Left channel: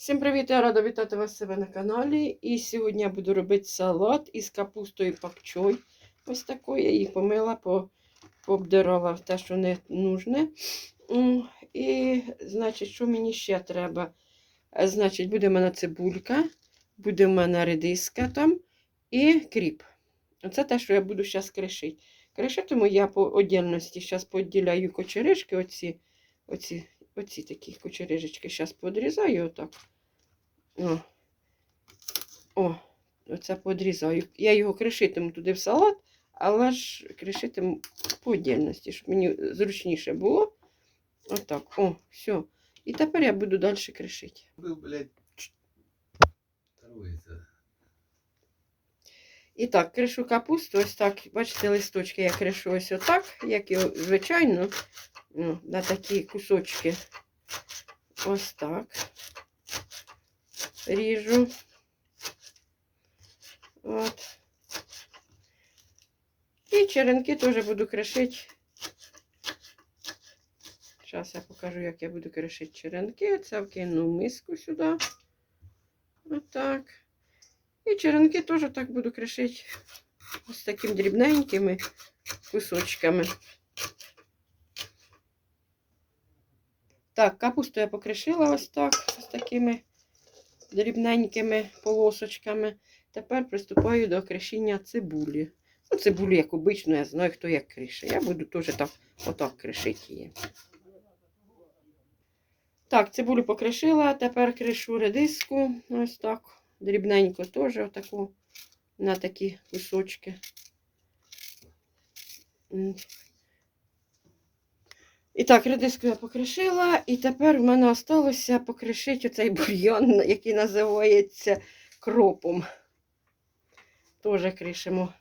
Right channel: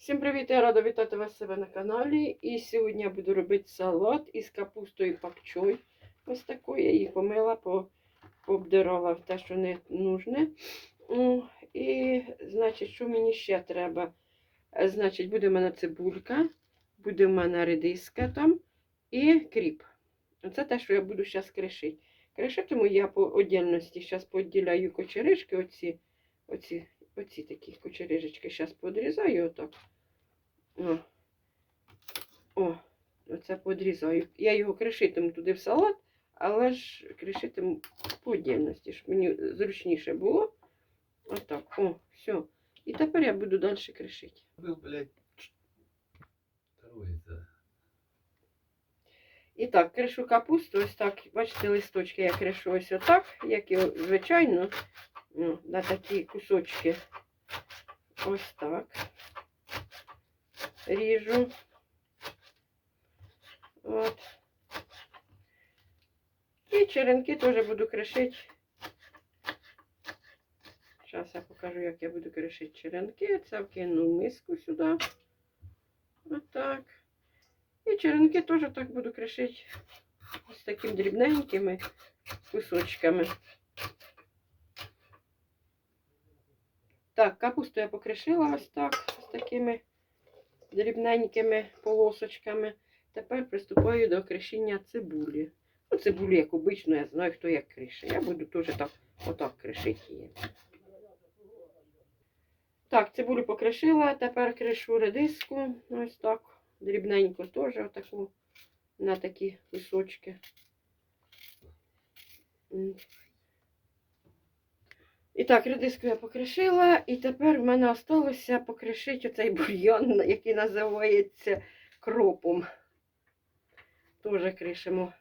Всім привіт! Я рада вітати вас себе на каналі. І сьогодні я буду робити салат із капустою пакчой. Ось такою. Я їх помила, по- пообдирала те, що не нужне. І, значить, що мені ще треба? Е, Значить, буде в мене цибулька, буде в мене редиска там і кріп. Оце те, що я буду зараз кришити. Кришитиму я по отдільності. Зараз поділяю кочеришки, оці, оці, оці такі кочерижечки. Зараз подрізаю отак. О, О, оце подрізаю. Я його кришитиму туди в салат, але ж кришитиму по отдільності, щоб мені зручніше було. Отак. О, все. І тепер я буду далі кришити. Блядь. І так, кришу капусту, ось так, бачите, листочки я кришу ось отак, як і звичайно, ну, на такі кусочки. Ось так. Ріжу. От. І черенки теж буду кришити. Зараз я покажу, як я буду кришити черенки. Це вкину миску сюди. Отак. І черенки теж так буду кришити з такими дрібненькими кусочками. Так, капусту я покришила ось так, з такими дрібненькими полосочками. Тепер приступаю до кришіння цибулі. Ну, цибулю, як обично, я знаю, хто як крише. Я буду теж так, отак кришити її. Так, цибулю покришила, тепер кришу редиску. Ось так. Дрібненько теж отаку на такі кусочки. І так, редиску я покришила, і тепер в мене залишилося покришити оцей бульйон, який називається кропом. Теж кришимо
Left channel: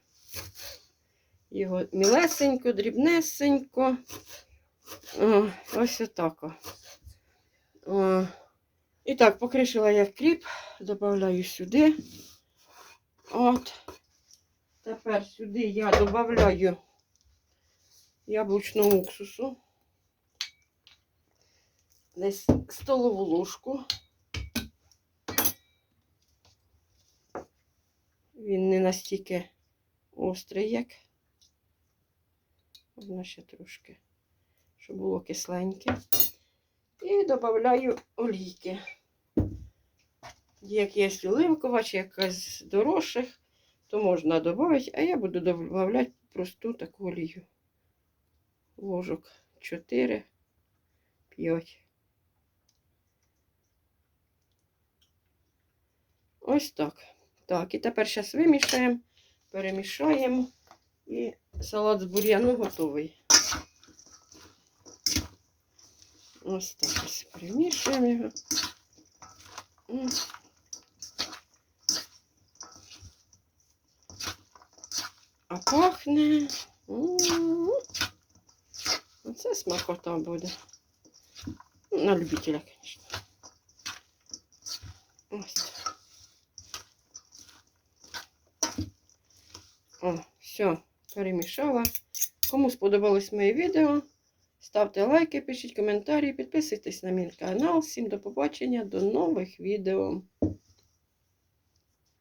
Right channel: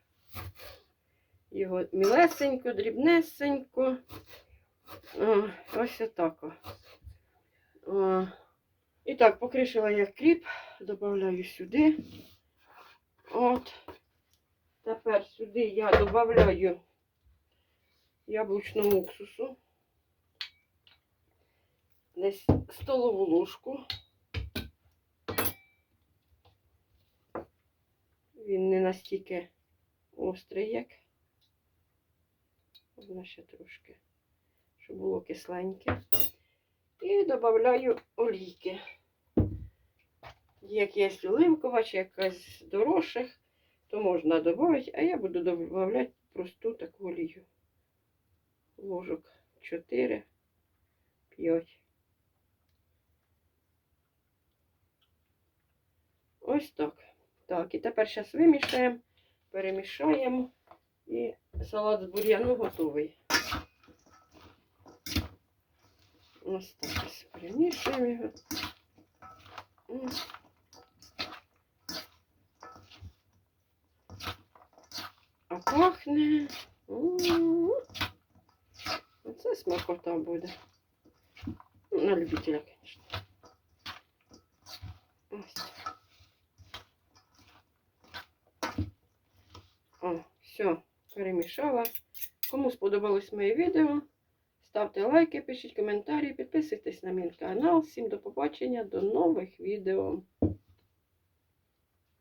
його мілесенько, дрібнесенько. О, ось отако. О. І так, покришила я кріп, додаю сюди. От. Тепер сюди я додаю яблучного уксусу. Десь столову ложку. Він не настільки острий, як. Можна ще трошки, щоб було кисленьке. І додаю олійки. Як є оливкова чи якась з дорожчих, то можна додати, а я буду додавати просту таку олію. Ложок 4, 5. Ось так. Так, і тепер зараз вимішаємо, перемішаємо і салат з бур'яну готовий. Ось так перемішуємо його. Пахне. Оце смакота буде. На любителя, звісно. Ось. О, все, перемішала. Кому сподобалось моє відео, ставте лайки, пишіть коментарі, підписуйтесь на мій канал. Всім до побачення, до нових відео.